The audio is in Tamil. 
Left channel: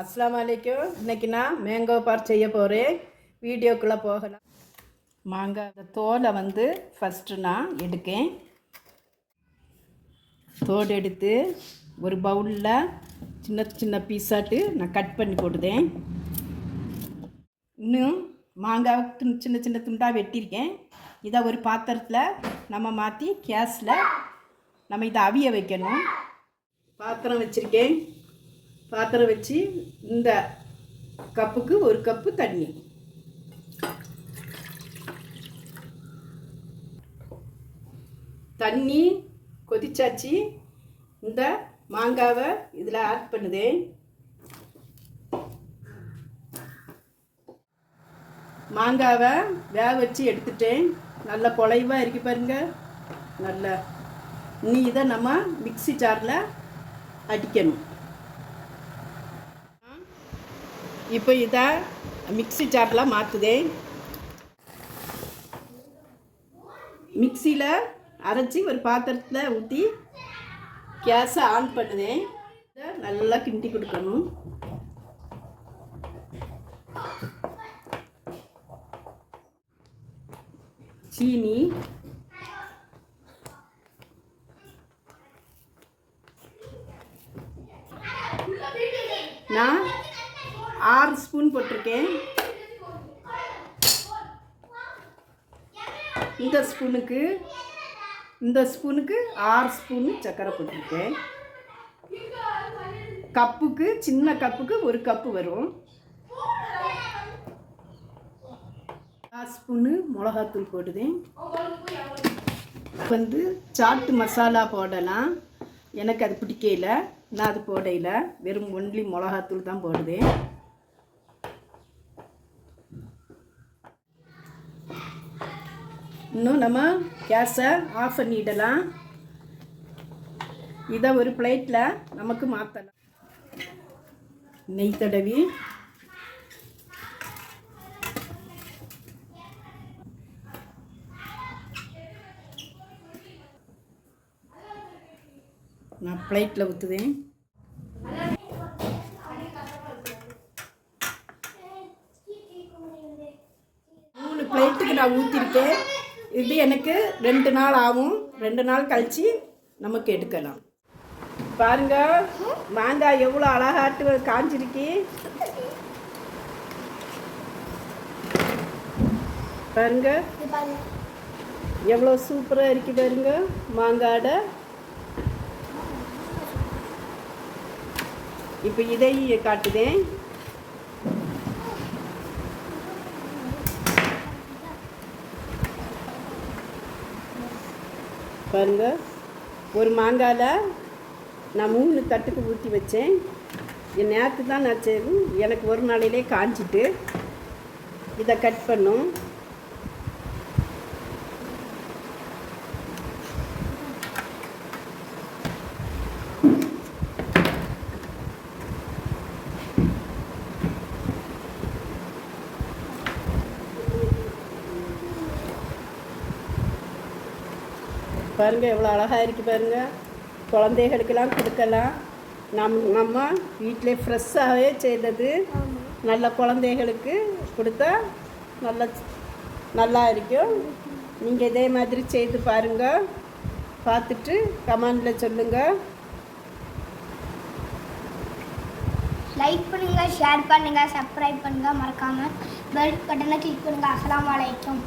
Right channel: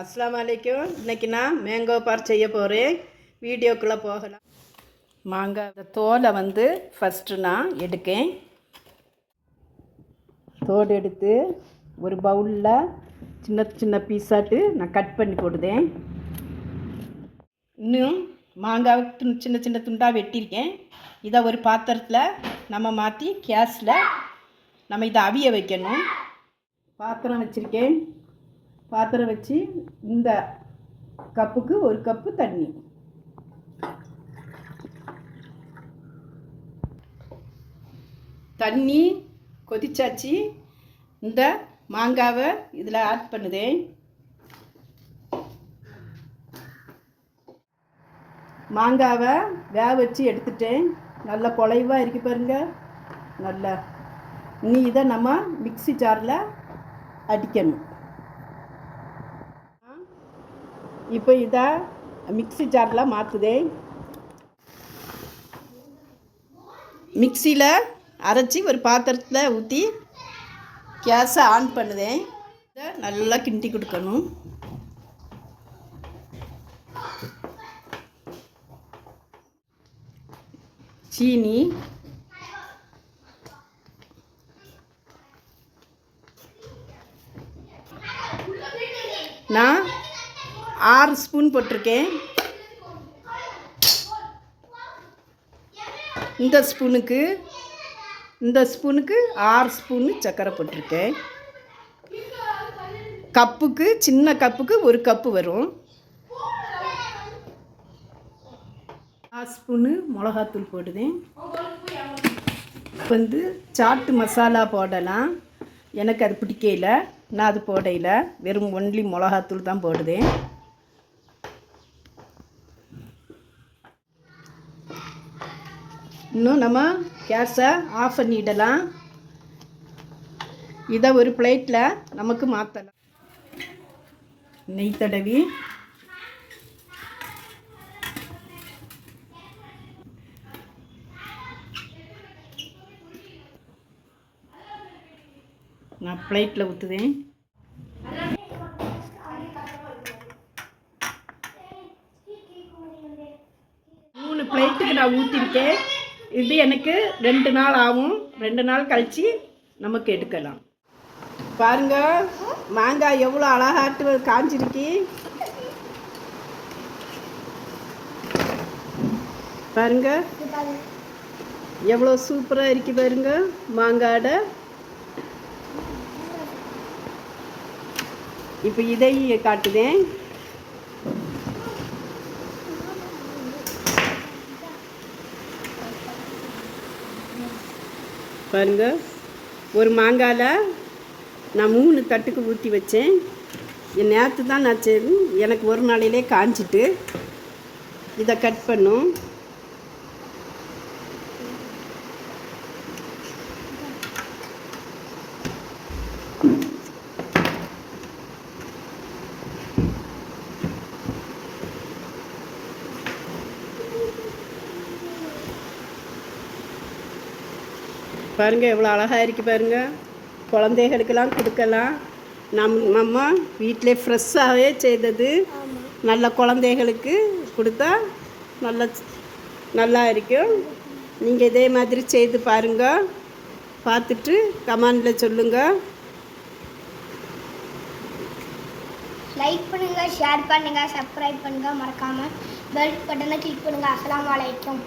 அஸ்ஸலாமு அலைக்கும். இன்றைக்கி நான் மேங்கோ பார் செய்ய போகிறேன். வீடியோக்குள்ளே போகலாம். மாங்காய் தோலை ஃபஸ்ட்டு நான் எடுக்கேன். தோடு எடுத்து ஒரு பவுலில் சின்ன சின்ன பீஸாட்டு நான் கட் பண்ணி போடுதேன். இன்னும் மாங்காய் சின்ன சின்ன துண்டாக வெட்டியிருக்கேன். இதை ஒரு பாத்திரத்தில் நம்ம மாற்றி கேஸில் நம்ம இதை அவிய வைக்கணும். பாத்திரம் வச்சுருக்கேன். பாத்திரம் வச்சு இந்த கப்புக்கு ஒரு கப்பு தண்ணி, தண்ணி கொதிச்சாச்சு. இந்த மாங்காவை இதில் ஆட் பண்ணுதேன். மாங்காவை வேக வச்சு எடுத்துட்டேன். நல்ல குழைவாக இருக்கு பாருங்க. நல்லா இனி இதை நம்ம மிக்ஸி ஜாரில் அடிக்கணும். இப்போ இதை மிக்ஸி ஜாரில் மாற்றுதேன். மிக்சியில் அரைச்சி ஒரு பாத்திரத்தில் ஊற்றி கேஸை ஆன் பண்ணுதேன். இதை நல்லா கிண்டி கொடுக்கணும். சீனி, நான் 6 ஸ்பூன் போட்டிருக்கேன். இந்த ஸ்பூனுக்கு 6 ஸ்பூனு சர்க்கரை போட்டிருக்கேன். கப்புக்கு, சின்ன கப்புக்கு ஒரு கப்பு வரும். 6 ஸ்பூனு மிளகாத்தூள் போடுதேன். சாட்டு மசாலா போடலாம். எனக்கு அது பிடிக்கல, நான் அது போடையில வெறும் ஒன்லி மிளகாத்தூள் தான் போடுதேன். இன்னும் நம்ம கேஸை ஆஃப் பண்ணிடலாம். இதை ஒரு பிளேட்டில் நமக்கு மாற்றலாம். நெய் தடவி நான் பிளேட்டில் ஊற்றுவேன். மூணு பிளேட்டுக்கு நான் ஊற்றிருக்கேன். இது எனக்கு 2 நாள் ஆகும். 2 நாள் கழித்து நமக்கு எடுக்கலாம். பாருங்க, மாங்காய் எவ்வளோ அழகாட்டு காஞ்சிருக்கு பாருங்க. எவ்வளோ சூப்பராக இருக்கு பாருங்க மாங்காட. இப்போ இதையும் காட்டுதேன். பாருங்க, ஒரு மாங்காயில் நான் 3 தட்டுக்கு ஊற்றி வச்சேன். நேற்று தான் நான் எனக்கு ஒரு நாளையிலே காஞ்சிட்டு இதை கட் பண்ணும். பாருங்கள் எவ்வளோ அழகாக இருக்குது பாருங்கள். குழந்தைகளுக்கெல்லாம் கொடுக்கலாம். நம்ம வீட்டிலே ஃப்ரெஷ்ஷாகவே செய்தது. நல்ல குழந்தைகளுக்கு கொடுத்தா நல்லா இருக்கும். நீங்கள் இதே மாதிரி செய்து பாருங்கள். பார்த்துட்டு கமெண்டில் சொல்லுங்கள். லைக் பண்ணுங்கள், ஷேர் பண்ணுங்கள், சப்ஸ்கிரைப் பண்ணுங்கள். மறக்காமல் பெல் பட்டனை கிளிக் பண்ணுங்கள். அஸ்ஸலாமு அலைக்கும்.